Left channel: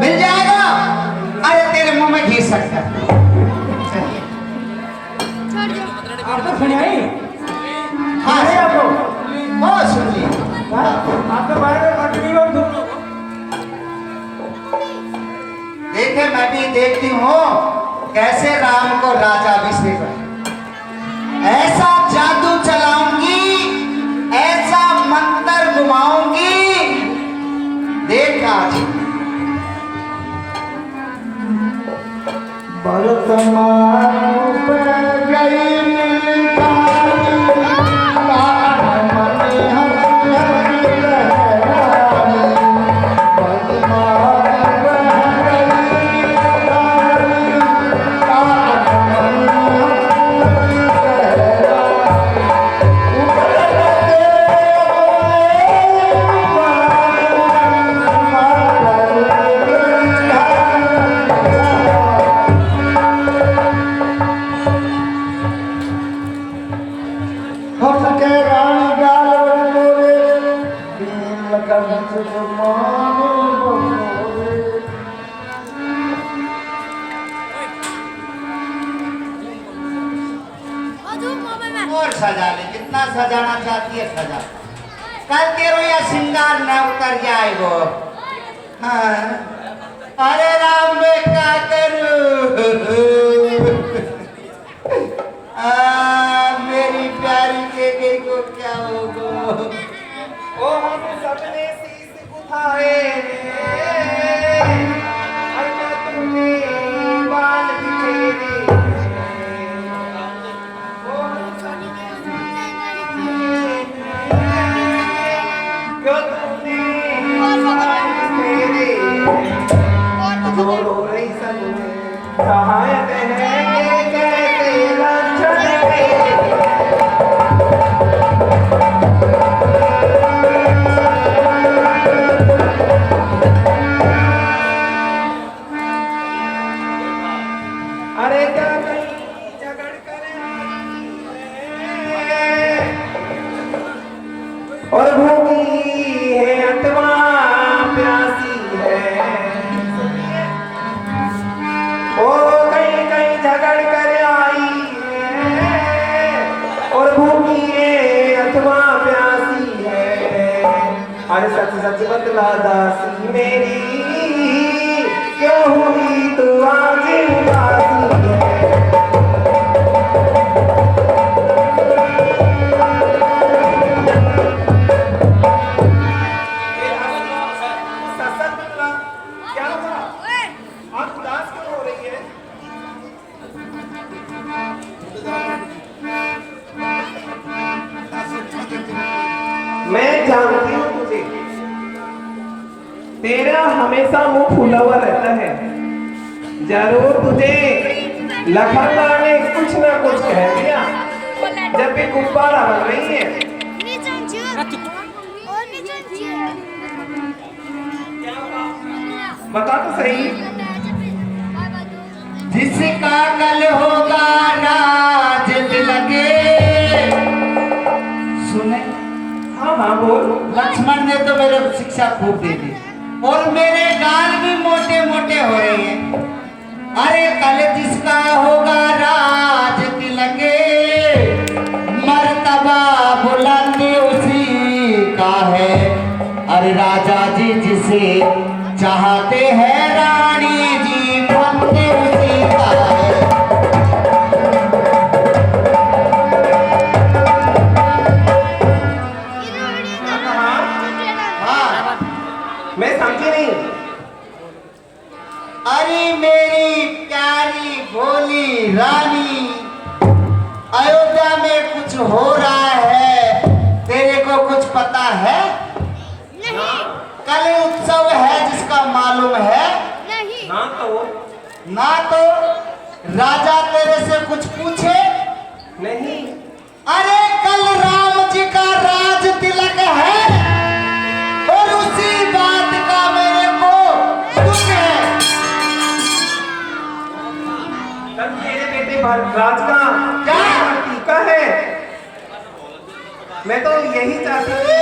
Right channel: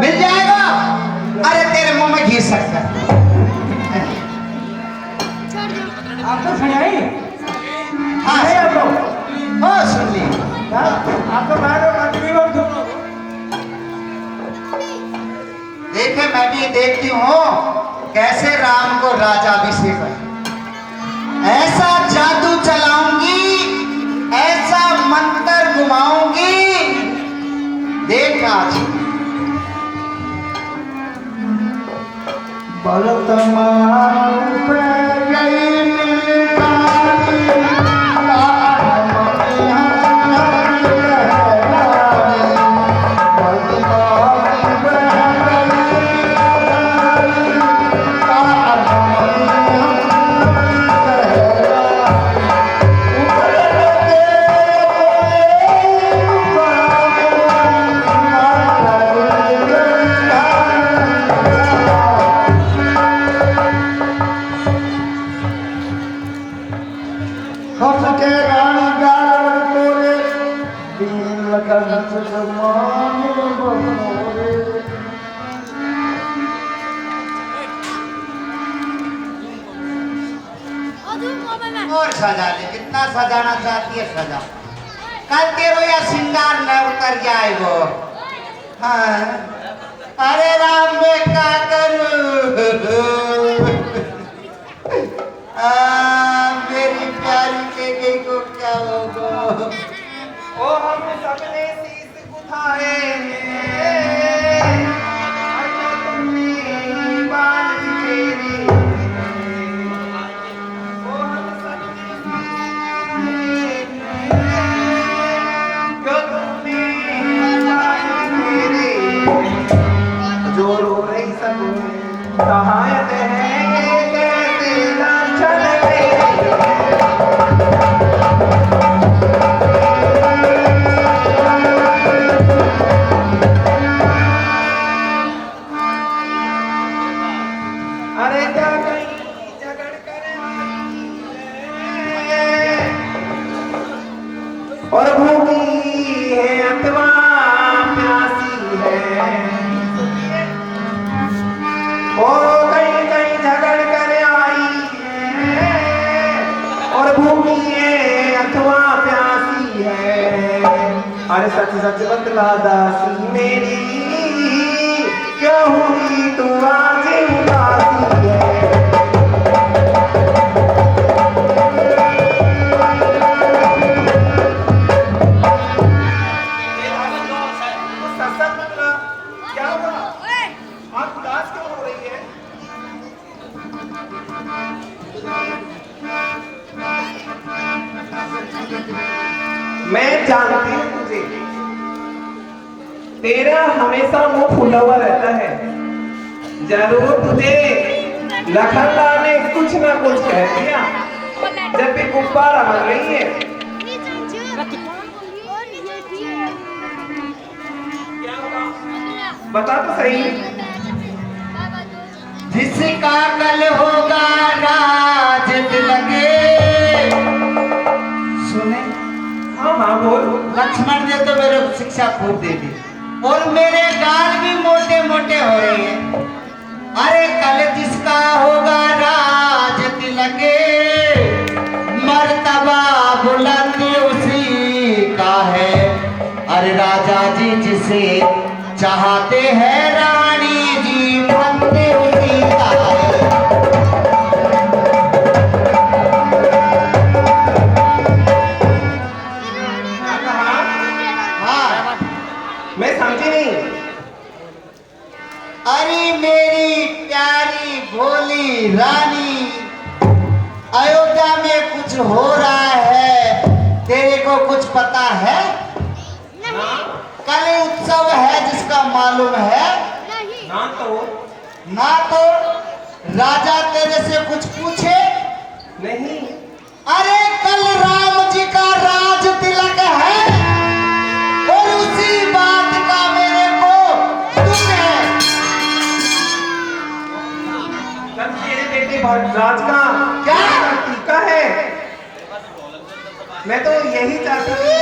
मिल जाएगा। अरे तेरे मुंह में घी सकता है। आपको सुनाई? हाँ हाँ सुन ली। आप तो बाहर तकरीबन दोनों देखे मैं भी देखती हूँ कैसे राम को राजाभिषेक है। ऐसा जादू चलाऊंगी, ऐसा मंत्र घुमाऊंगी, देख आज। वर्तमान पे गई और सजा ले, कितना सजाना चाहती है सजा। कल तेरो या श्रृंगार न उतर जाए वो। हाँ अरे राम मैं क्या करूं। मेरी प्यारी के गई को क्या होगा। ओ हम सबने शीश उठाए, अन्ना तुमने बाल बिखेरे। ओ हम सबने शीश उठाए, क्यों तुमने बाल बिखेरे। जो रो रही सब सहायक है कैसे लांछन है। और भूखी है अथवा प्यासी है। और कहीं कहीं झगड़ कर आई है। और भूखी है अथवा प्यासी है। अरे सच सच बतला दासी मेरी, क्यों हुई तू आज उदासी है। मैं जानती हूँ तुझे, तेरा हमेशा मुंह फूला हुआ रहता है। जरूर तुझे लखनवा ने कुछ ना कुछ कह दिया जब भी गुब्बारा बन रही है। बता तो सही। जिसका कल होगा राज लगे। सुने? हाँ हाँ बोल। लक्ष्मण ने तो मेरे को शिक्षा खूब दे दी और मेरे गाल भी मोटे मोटे हो रहे हैं। अरे कल जिसका होगा राज तिलके, मर्तबा बुलंद उसी का है। अरे राजा जी जिसे चाहते हैं रानी जी बनते उसी का है। मैं समझी नहीं। अरे मेरी प्यारी भोली रानी, अयोध्या में कुछ हो रहा है, तेरे को कुछ पता है? नहीं। कल उत्सव है जिसका मालूम है? नहीं। ना तो राजा तेरे से कुछ पूछे? नहीं। अरे कल राम जी का राज तिलक है और उसी बात का मेरे को दुख है। कल तेरे बेटे राज का क्या टीका है? मैं तो यही चाहती थी।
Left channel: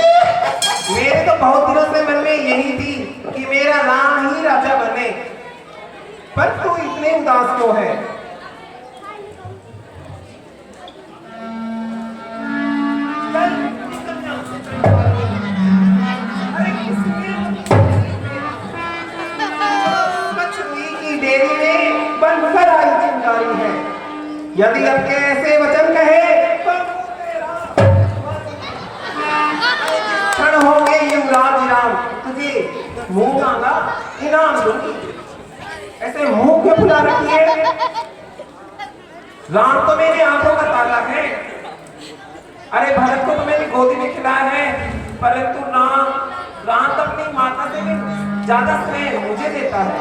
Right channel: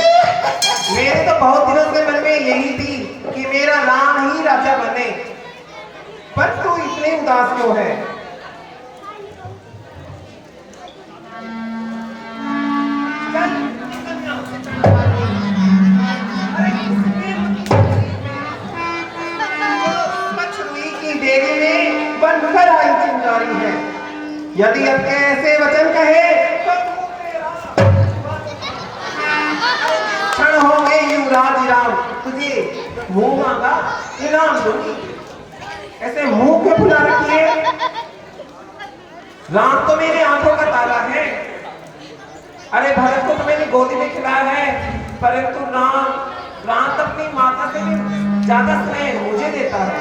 मेरे तो बहुत दिनों से मन में यही थी कि मेरा राजा बने, पर तू इतने उदास क्यों है? अरे मछली की डेरी में बनकर आई चिंगारी है। यदि अब के ऐसे वचन कहे तो क्षण हो गए युवराज राम, तुझे मुंह मांगा इनाम दूंगी। ऐसे मुंह क्यों फुला रखी है? राम तो मेरी आंखों का ताला है। अरे भरत को तो मैंने गोदी में खिलाया है, परंतु राम तो अपनी माता से भी ज्यादा स्नेह मुझे देता है,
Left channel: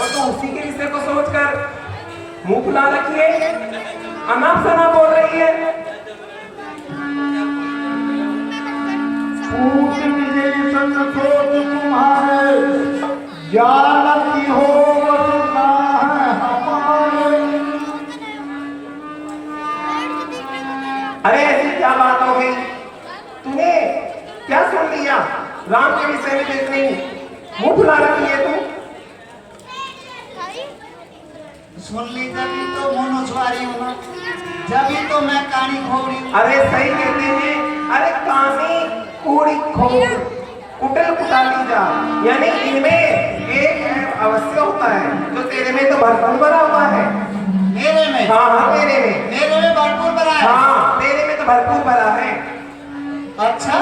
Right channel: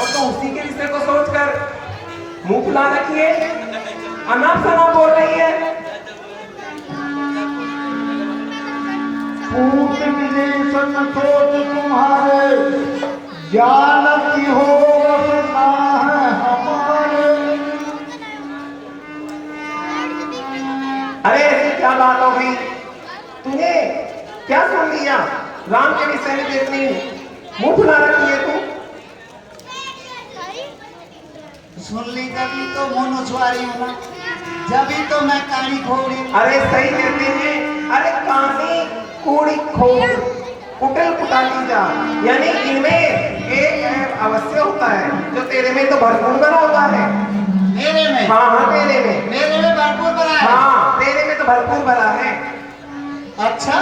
और तो उसी के रिश्ते को सोचकर मुंह फुला रखी है, अनाप शनाप बोल रही है। पूत की जैसन सोच तुम्हारे, जानती हो वसना है हमारे। अरे ऐसी क्या बात हो गई? तूने क्या सुन लिया? राम के विषय में देखनी मुंह फुला रखी है तू। सुन ली तभी तो मोनोस्वारी होना, जभी तो मैं कहानी खोड़ी। अरे सही कहते हैं, अरे कहानी कूड़ी खोड़ कुटल कुटाली जा, यानी इनमें एक ऐप अवश्य होता है जो तेरे में तो भरपूर भरा हुआ है। मेरे में? हाँ हाँ तेरे में। मेरे में भरपूर भरा है? हाँ तेरे में तो भरपूर भरा है। अच्छा,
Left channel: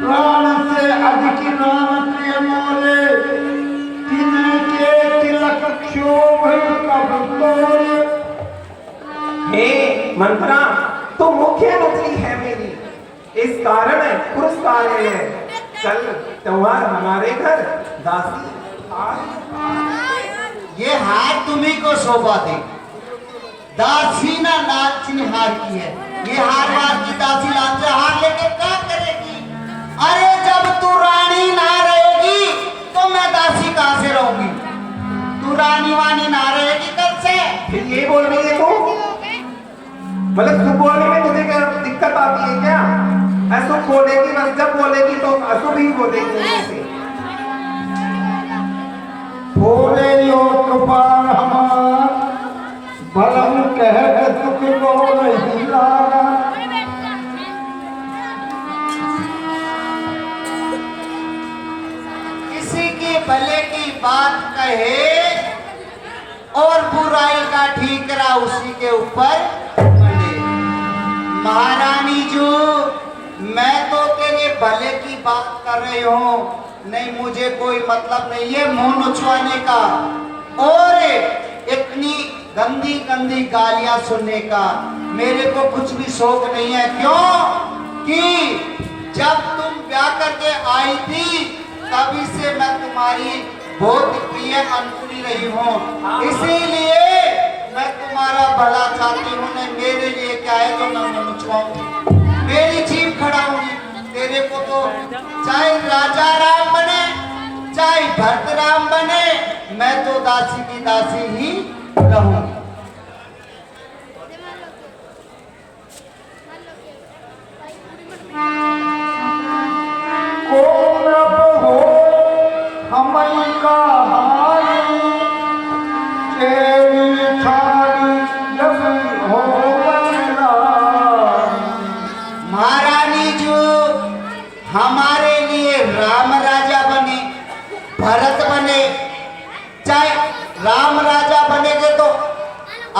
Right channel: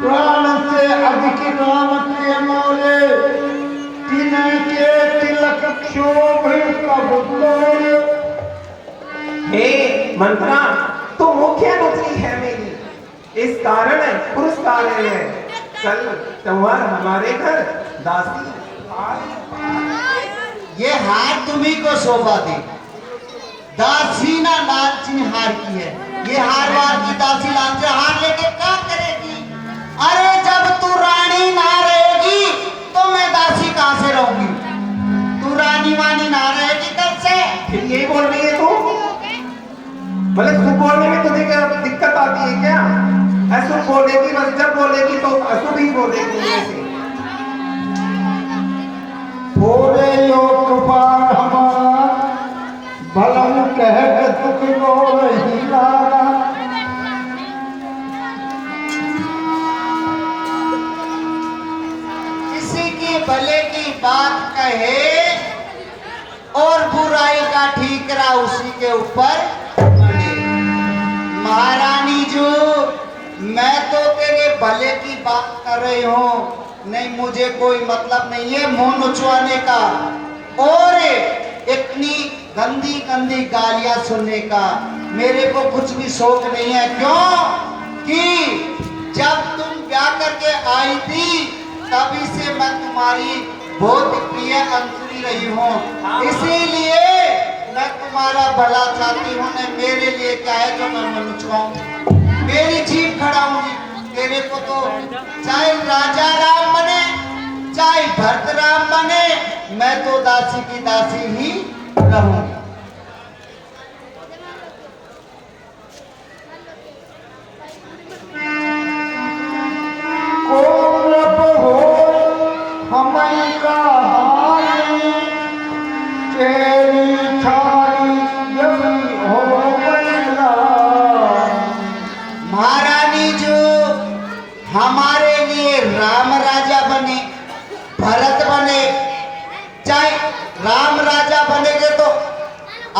प्राण से अधिक राम के मोरे, तिनके तिलक क्षोभ कब तोरे। हे मंत्रा, तू मुख्य नुकरी है मेरी, इस कारण पुरस्कार है। कल त्योहार हमारे घर दासी ये हार तुम्ही को शोभा दे। दासी ना लालची हार की है, ये हार वार की दासी लालची हार लेके क्या करेगी? अरे जब तू रानी ना रहेगी तो मैं दासी कहां से रहूंगी? तू रानी वानी ना रहेगी कल से। फिर ये बोल रही है तू? मतलब तू बोलने में तुझे क्या दिक्कत आती है क्या? अशुभ बोलेगी, बस जब बोलेगी तो अशुभ ही बोलेगी ऐसे। थोड़े लोक पार हमार, भलम कह दुख रो नहीं लारा। किसी की भले की बात कहे और बुराई का ठीकरा उसी के ऊपर पड़े। महारानी जो मैं तो तेरे भले की बात कर रही हूँ, नहीं मुझे कोई मतलब नहीं है मुंह नुचवाने का और इतनी गंदी गंदी गालियां सुनने का। मेरे को कुछ भी शौक नहीं है। क्यों कि जब तुम ब्याह करके आई थी तभी से मैं तुम्हारी बहुत प्रिय अंतरी रही हूँ, इसीलिए मैं तुम्हारा भला चाहती हूँ। नहीं मेरे लिए क्या है जो मैं मनुष्य मेरी जीभ खड़ाऊंगी। तेरे को तो चाहे राजा राम बने चाहे भरत राम बने, मैं तो दासी की दासी ही रहूंगी। हमई का हारी, चेरी छाड़ी जब हो गया। महारानी जो हमारे लिए राम राजा बने, भरत बने, चाहे राम राजा बनेगे तो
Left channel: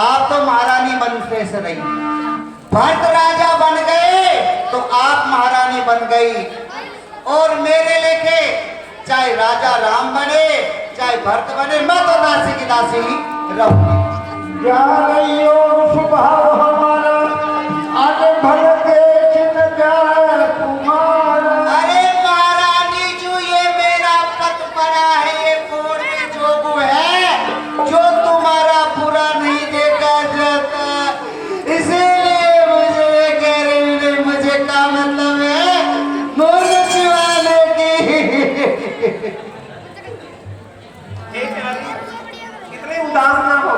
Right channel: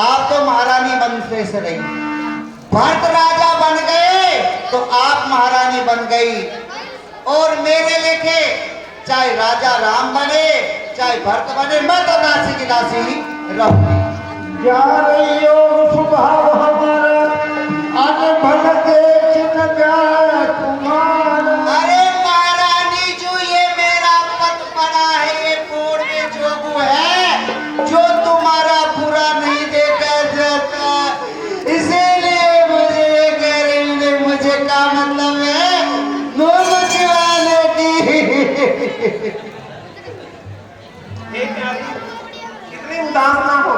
आप तो महारानी बनने से रही, भरत राजा बन गए तो आप महारानी बन गई, और मेरे लेके चाहे राजा राम बने चाहे भरत बने, मैं तो दासी की दासी ही रहूंगी। जा रही हो स्वभाव हमारा, आज भल देख न जाए तुम्हारा। अरे महारानी जो ये मेरा पत पड़ा है, ये कोड़ में जोगू है जो तुम्हारा बुरा नहीं देखा जाता, इसीलिए मुझे कह रही हूँ। मुझे क्या मतलब है मुंह चिवाने की। इतने उदास ना हो,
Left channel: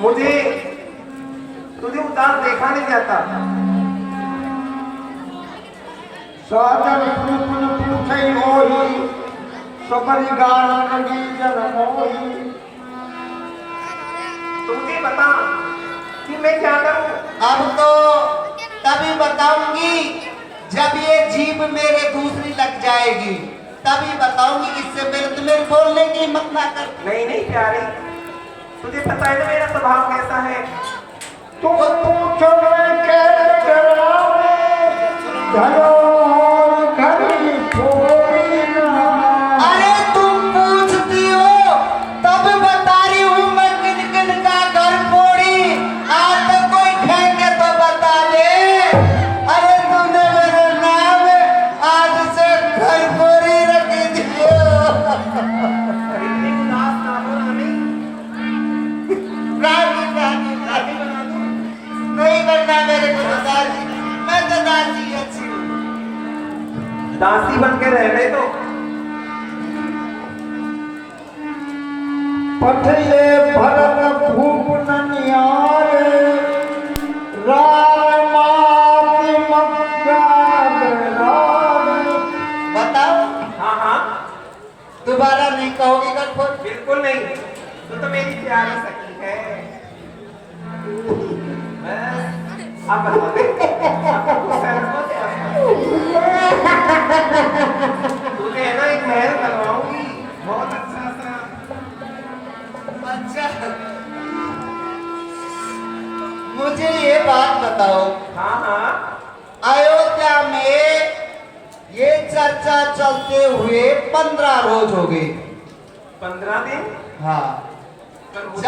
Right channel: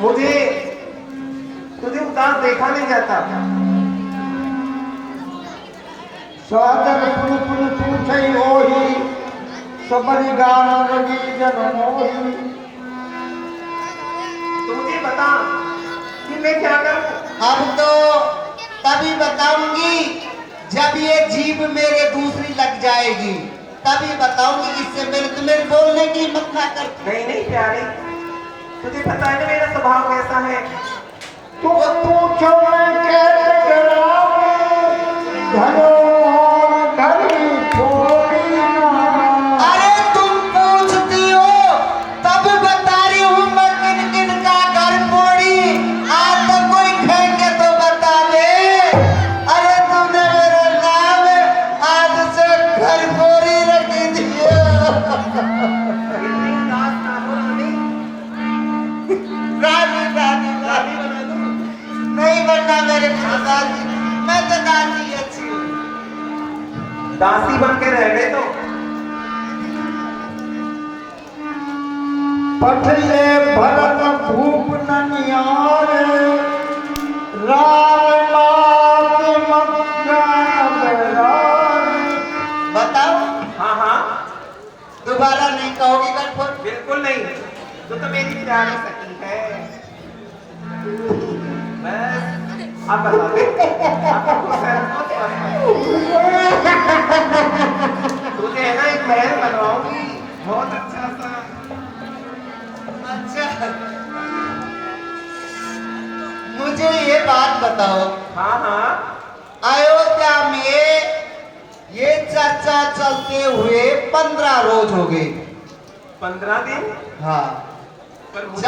मुझे तुझे उदास देखा नहीं जाता। सादर पुन पुन पूछई होई सबरी गान लगी जन मोही। तू मुझे बता कि मैं क्या करूं। अब तो तभी बताऊंगी जब ये जीभ मेरे दूसरी लग जाएगी, तभी बताऊंगी। इससे मेरे बोलने की हिम्मत ना कर। नहीं नहीं प्यारी, तुझे पता है ना मेरा स्वभाव कैसा है। तू पूछो मैं कैसे डरावे धरो घड़ी थोड़ी ना। अरे तुम पूछती हो तब बता रही हूँ मैं किन किन का घर फोड़ी। आज तो कोई कहेंगे तो बता दे। अरे तुमने मेरे नाम आज से घर फोड़ी रख दिया। इतनी उदास ना हो रानी। रानी बना दूं। नहीं बनना मेरे को तो दासी। मैं तो दासी अच्छी हूँ। दासी बन के रह गए तो पठले भरत भूप ननियारे राम माति मक्का बरारे। बताओ हाँ हाँ दोबारा नहीं कहोगी घर फोड़। बिल्कुल नहीं, तू तो मेरी प्यारी सखी है। बस अब बता दे, अब तो शहर को तुझे है ना एक महल बनवाऊंगी बहुत अच्छा सा। अच्छा मुझे ये बात बताओ, हाँ हाँ अयोध्या में ये चर्चा चलते हुए 15 रोज हो गए। 15 दिन। हाँ पर मुझे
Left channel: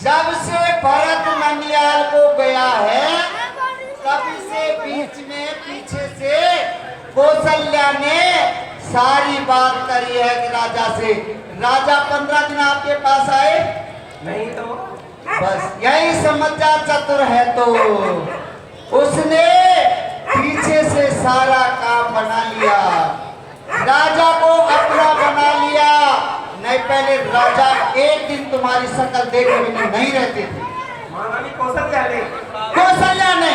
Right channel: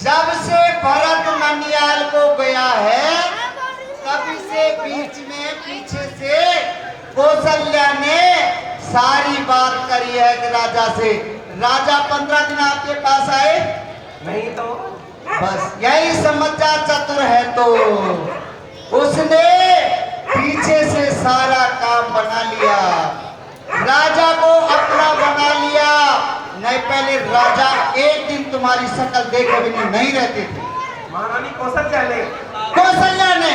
जब से भरत ननियाल को गया है तभी से बीच में पीछे से कौशल्या ने सारी बात करी है कि राजा से। राजा 15 दिन आपके पास आए नहीं तो बस यही समझ जा चतुर है तो उसने पीछे से सारा काम बना लिया, राजा को अपना बना लिया। नहीं पहले राजा एक दिन तुम्हारी शक्ल देखे बिना नहीं रहते थे। महारानी कौशल्या ने कौशल्या ने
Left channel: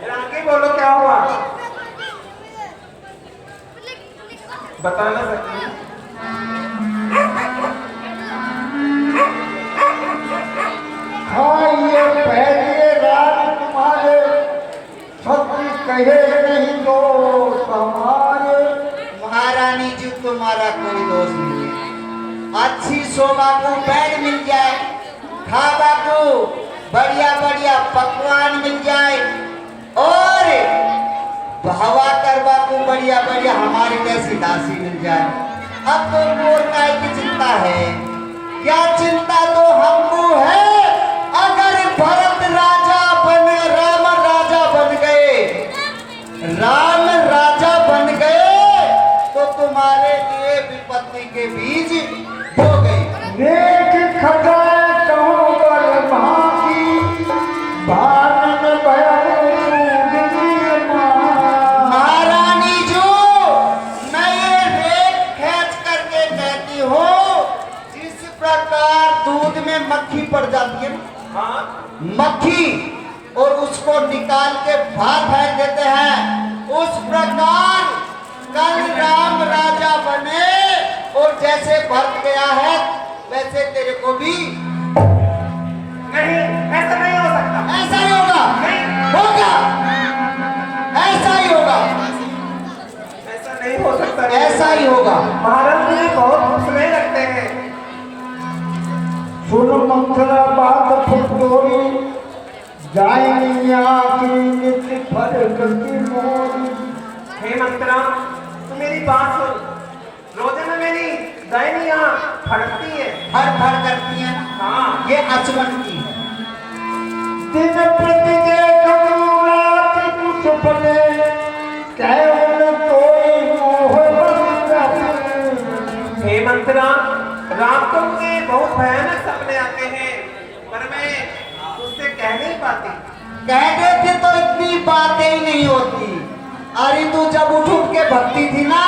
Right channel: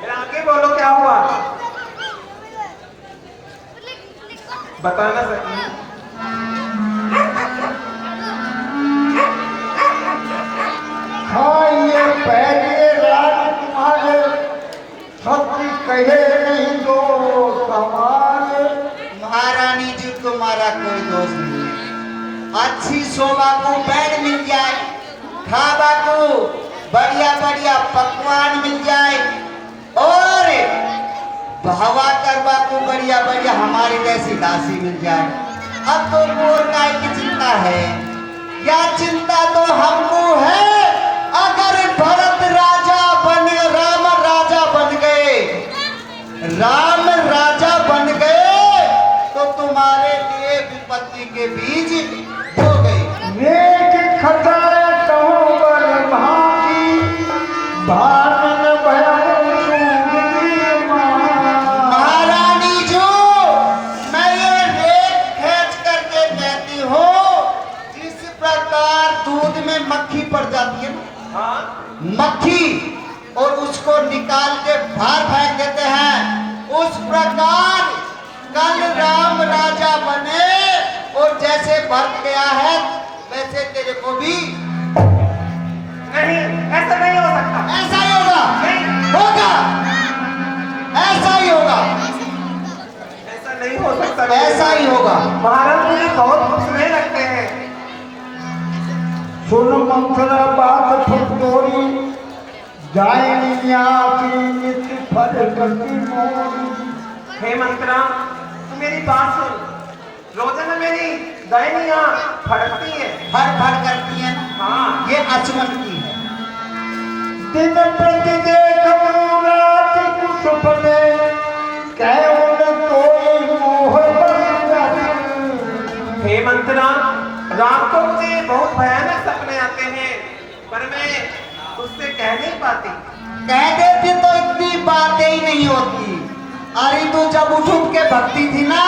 फिर आगे बोलो क्या हुआ, बताना सकी। खाइए पहले राज तुम्हारे सत्य कहे नहीं दोष हमारे। महारानी जी तुम्हारा कोई दोष नहीं है। अच्छी शोभा को बैग मिल जाए, खाबा को बढ़िया बढ़िया पकवान मिल जाए और बहवा करवा को बढ़िया बढ़िया हमारी जैसी दासी मिल जाए। अब तो और काय की चिंता है, क्या चिंता तो हमको है। अगर भरत राजा बने, राम राजा बन गए, राम राजा बन गए तो तुम्हारे लिए विपत्ति के बीज बो गए। नेक खटाए कहूँ बर भागी भानन भयउ सूरवीर मान। महारानी जो मैं ये रेत खींच करके कहती हूँ, जिस प्रकार दूध में मक्खी पड़ जाती है ना, हाँ मक्खी, और उसको निकाल के बाहर फेंक देते हैं, उस प्रकार कल राम राजा बने और जैसे भरत गया है वैसे तेरे को भी नहीं, ऐसा नहीं हो सकता। ऐसा ही होगा। नहीं। होगा, ऐसा ही होगा, ऐसा नहीं हो सकता। ऐसा ही होगा। महाराज मुझे बहुत खुश नहीं लगते हैं। सुन मंथरा बात फुटोरी जाएंगी आखिरी नित्य फल करती मोरी। हे मंत्रा, तू मेरी बात सुन। रोजाना मेरी दाहिनी आंख फटकती है। फर फर करती है ना, हाँ ये अचमन की है। दिन प्रति देखूं रात कुछ पले कैवल कोई मोह बस जाती। हे मंत्रा, रात को मुझे बहुत भयानक सपने आते हैं, पर मैं उससे कह नहीं पाती। कह देते तो इतनी बातें ही नहीं होती। अरे तू जब उठ उठ के भक्ति थी ना,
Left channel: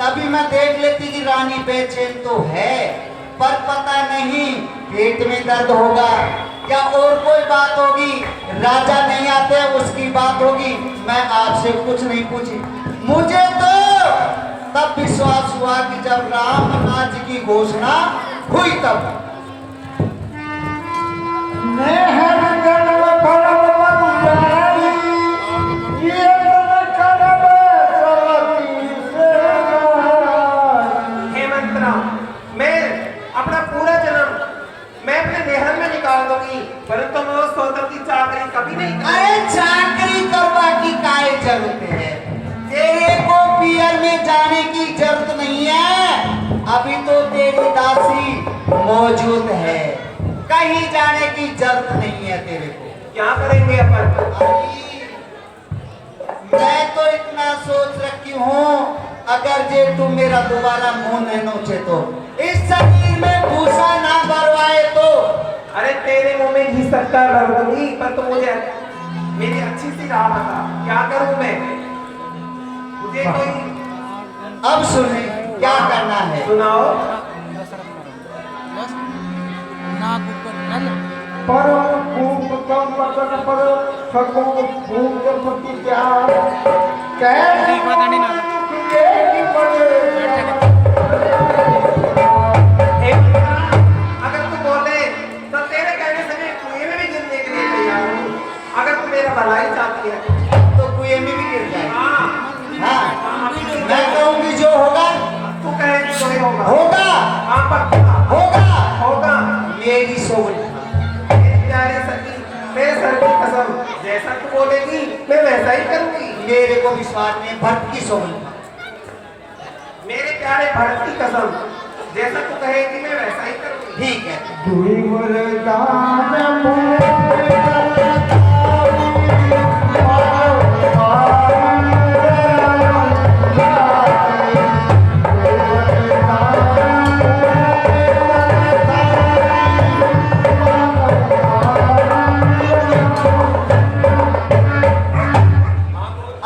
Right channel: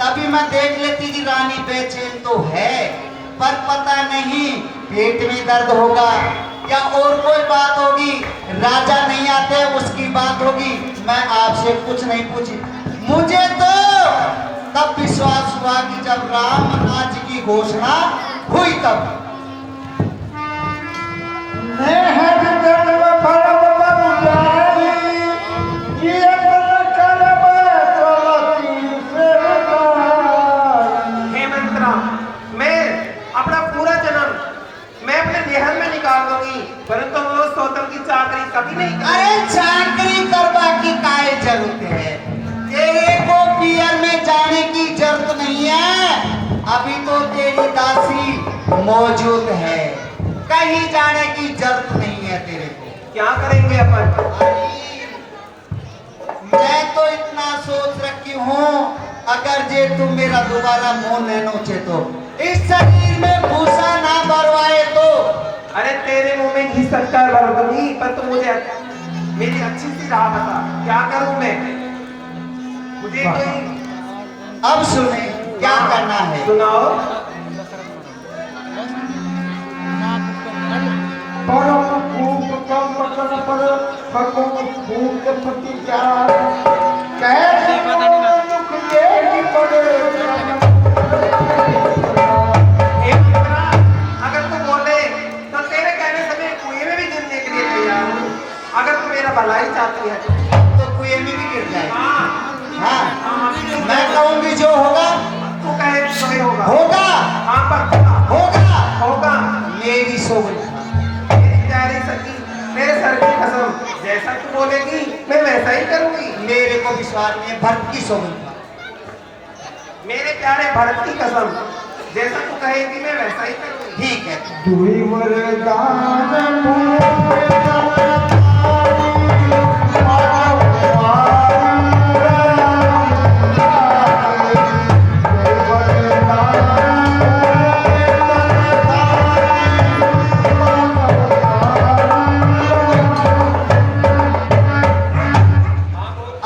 तभी मैं देख लेती कि रानी बेचैन तो है, पर पता नहीं पेट में दर्द होगा या और कोई बात होगी। राजा नहीं आते उसकी बात होगी। मैं आपसे कुछ नहीं पूछी। मुझे तो तब विश्वास हुआ कि जब राम राज्य की घोषणा हुई तब। नेहर जन्म फलम बनुजाई, ये तन करब चलती से गाई। हेमंत राम, मैं अपना पूरा जन्म मैं अपने देहन में निकाल दूंगी, परंतु मैं उस सौतम की चाकरी कभी नहीं करूंगी। अरे चाकरी करवा की काहे जरूरत है? तेरे को पियर में जाने की जरूरत नहीं है। अभी तो तेरी दासी मौजूद है, कहीं जाने की जरूरत नहीं है तेरे को। क्या करेंगे अपन? अरे, मैं तो इतना सोच रखी हूँ, अगर जे तुम मेरा दोबारा मुंह नहीं नोचे तो, इस शरीर में भूसा ना भरवाए तो। अरे तेरे मुंह में घी सकता है भर दूंगी, पर तुम मुझे मेरी अच्छी सी राह बता, क्या करूं मैं? मुझे कोई अब सुने क्या करना है। सुनाओ। परम भूप कम वचन पर सको भूप पति जा, कैसी दुख देगी पड़े। अगर तू बोले तो तेरे कहने से मैं कुएं में भी गिरने के लिए तैयार हूँ, अगर तू मेरा भलाई चाहती है तो कुएं में भी गिर जाए। हाँ, हाँ, मैं कहूंगी जो होगा तू कहेगी तो ही होगा। होगा। हाँ पक्का होगा। होगा। मेरी सोगंद। मेरी प्यारी सखी, मेरे सर की कसम, जैसा तू बोलेगी मैं वैसा ही करूंगी। मेरे को विश्वास नहीं, भक्त की सोगंद। मेरे प्यारे भरत की कसम, जैसा तू कहेगी मैं वैसा ही करूंगी। ठीक है। दुई वरदान मुझे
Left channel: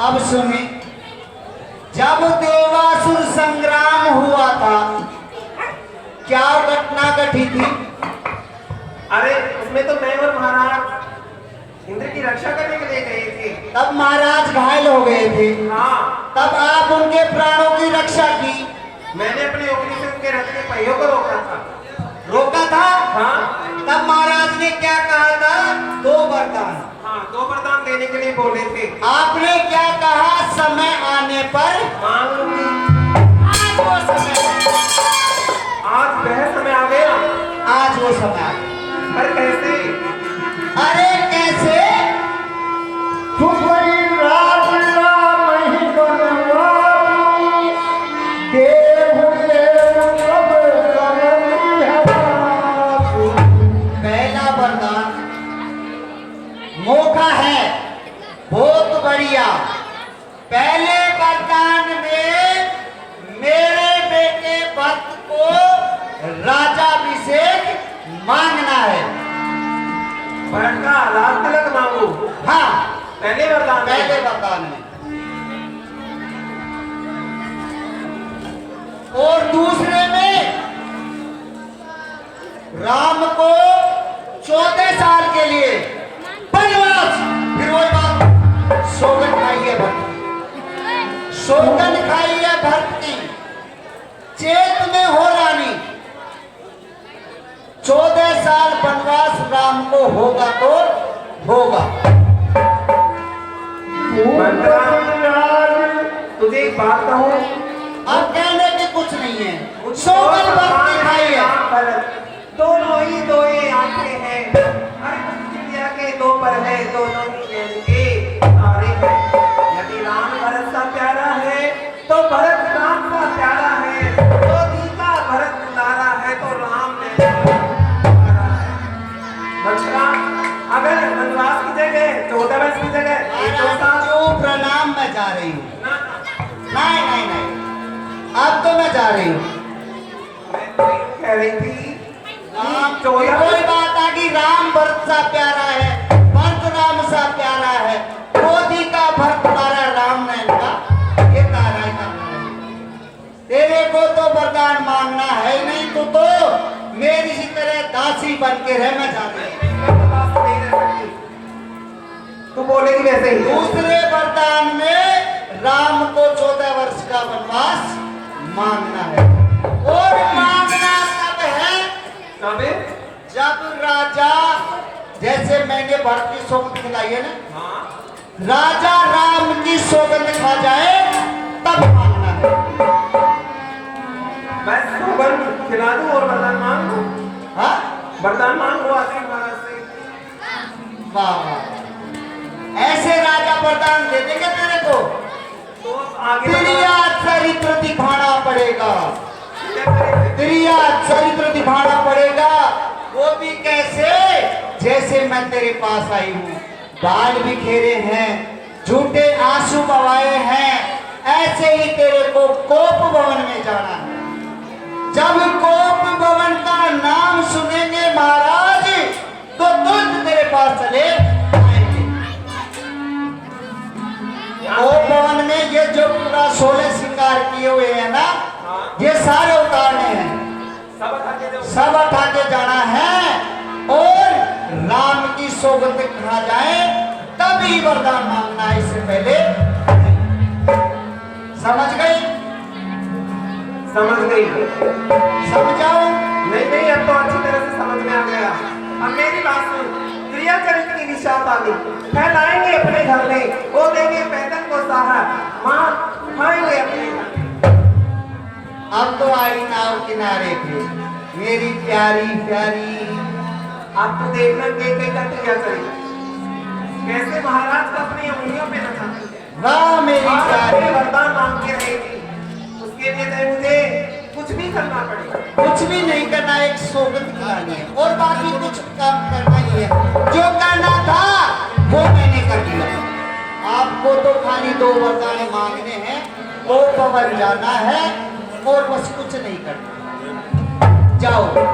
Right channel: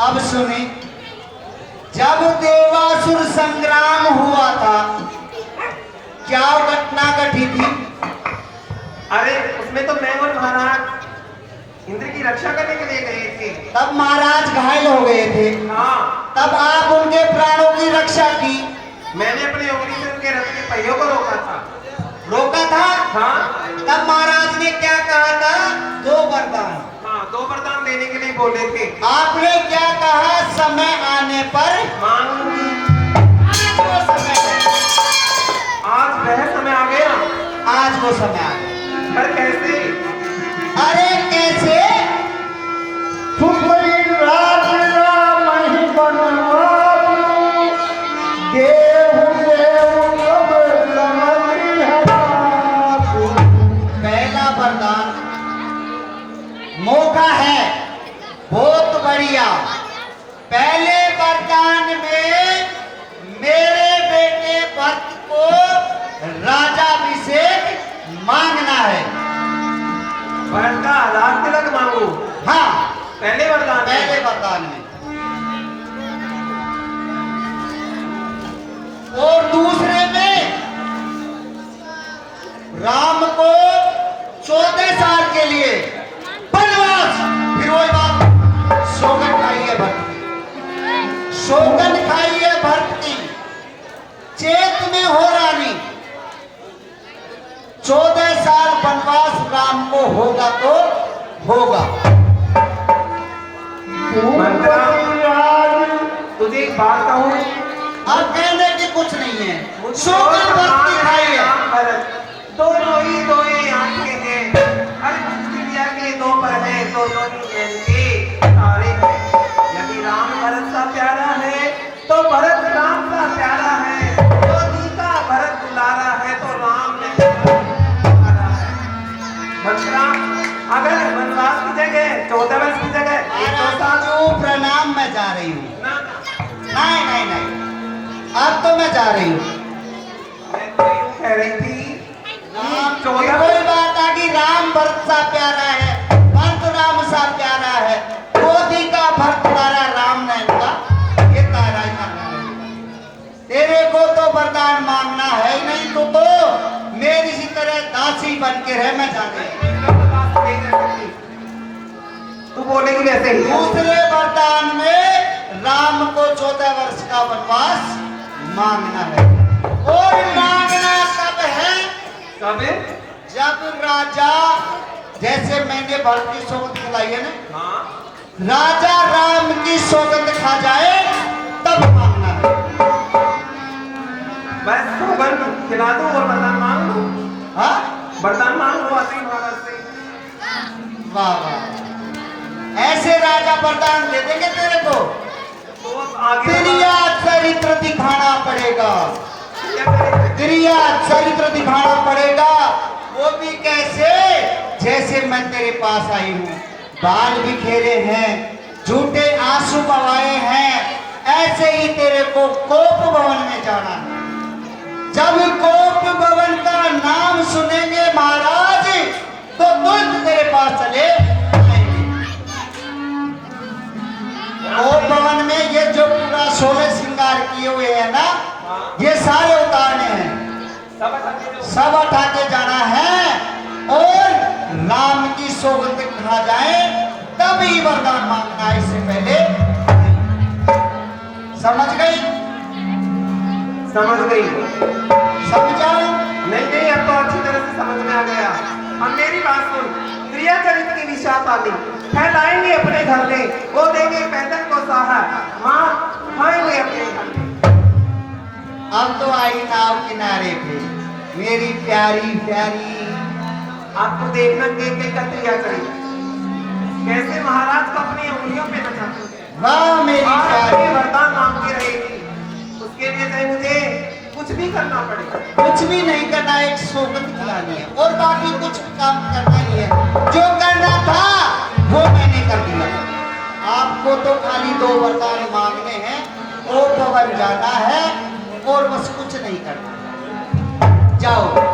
अब सुने, जब देवासुर संग्राम हुआ था, क्या घटना घटी थी? अरे उसमें तो मैं और महाराज इंद्र की रक्षा करने के लिए गए थे। तब महाराज घायल हो गए थे, हाँ, तब आप उनके प्राणों की रक्षा की। मैंने अपने योगी से उनके रथ के पहियों को रोका था। रोका था। हाँ तब महाराज ने क्या कहा था? दो वरदान। हाँ, 2 वरदान देने के लिए बोले थे। आपने क्या कहा? समय आने पर मांग लूंगी। आज वो समय है। आज वह समय आ गया। आज वो समय आ गया। पर कैसे? अरे कैसे? सुपरी राज राम ही बनवाई, देहु देहु सब समझी हमारी। पहला वरदान मौका है बहुत बढ़िया। पहले वरदान में मेरे बेटे भरत को राजाभिषेक मांगना है। भरत का राज तिलक मांगू। हाँ, पहले वरदान में। पहले वरदान में। और दूसरे में राम को 14 साल के लिए वनवास। फिर वही बात, सौगंध खाई है भक्त की, सौगंध खाई है भक्त की। चेत में हो रानी, 14 साल वनवास राम को होगा तो होगा। भूपति राज तुझे एक बात कहूँ, अब कहने की कुछ नहीं है, सौगंध भक्त की खाई है। दोनों ही दो ये आंखें हैं, हर चिड़िया के 2 पर है, दोनों ही जैन के तारे हैं। यदि राम भरत सा प्यारा है तो भरत राम सा प्यारा है, मोदी का भरत दुलारा है तो राम ने दुलारा है। बच्चा, अगर वनवास की जगह 14 वर्ष की जगह 1-2 साल। जो प्रणाम मैं जा रही हूँ। ना, नहीं नहीं नहीं, अब तो मैं जा रही हूँ। मैं तो यूं कह रही थी, राम कोई बात आ गई, राम भरत सा प्यारा है, भरत राम सा प्यारा है, मोदी का भरत तारा राम नैन का ये तारा ही का। तेरे को तो वरदान मांगना है ही नहीं, तो दासी बन के रह, मैं जाने। मैं तो दास नहीं रह सकती। तू बोलेगी वैसे ही। दूसरे वरदान में राम को 14 वर्ष का वनवास मांगना है, और मांगना तब है कब है? जब राजा, जैसे मैंने भरत की सौगंध खिलाई है ना, हाँ राजा राम की सौगंध खा जाए तब मांगना है। मैं सौगंध खिला दूं और वरदान मांग लूं? हाँ, वरदान मांग लो आते ही महाराज से। वाह वाह, ऐसे राजा वरदान दे देंगे तेरे को। तो अब आगे क्रिया चरित्र दिखाना पड़ेगा, क्या करेंगे? क्रिया चरित्र दिखाना पड़ेगा। वो भी कैसे? जैसे मैं तेरे पास आई हूँ, बाल बिखेरे हैं, झूठे आंसू बहाए हैं, ऐसे ही तेरे को कोप भवन में जाना है। जब कोप भवन का नाम सुनेंगे महाराज, तो तुरंत तेरे पास चले आएंगे। कोप भवन में ये जो पूरा 16 श्रृंगार किए हुए हैं ना, ये सारे उतारने हैं, सब हटाके दो। सब उठा के जाना है, और राम की सौगंध खा जाए तभी वरदान मांगना है, इससे पहले। समझ गई? समझ गई। समझाओ। नहीं नहीं, अब तो अच्छी तरह से समझ में आ गया। अब मेरी बात सुन, क्रिया चरित्र की निशात आदि फैलाएंगे अपने घर में, वो देंगे पैदल को सहारा, माँ खाएंगे अपने घर में। अब तो आई नाव किनारे पे मेरी प्यारी प्यारी। आपको देखना के करते क्या करेगा, कैसे महाराज को अपनी उंगलियों पे नचाते हैं। वाह मेरी और प्यारी, अपने वरदान मांगते रहेगी, उसके लिए चाहे मुझे कुछ भी करना पड़ेगा। कुछ भी नहीं करना, एक सौगंध खिलानी है, और बाकी कुछ काम करना ही है। जो करना था वो मैंने कर दिया। आपको तो खाली 2 वरदान मांगने हैं, वो भवन जाना है, और बस कुछ नहीं करना। जाओ।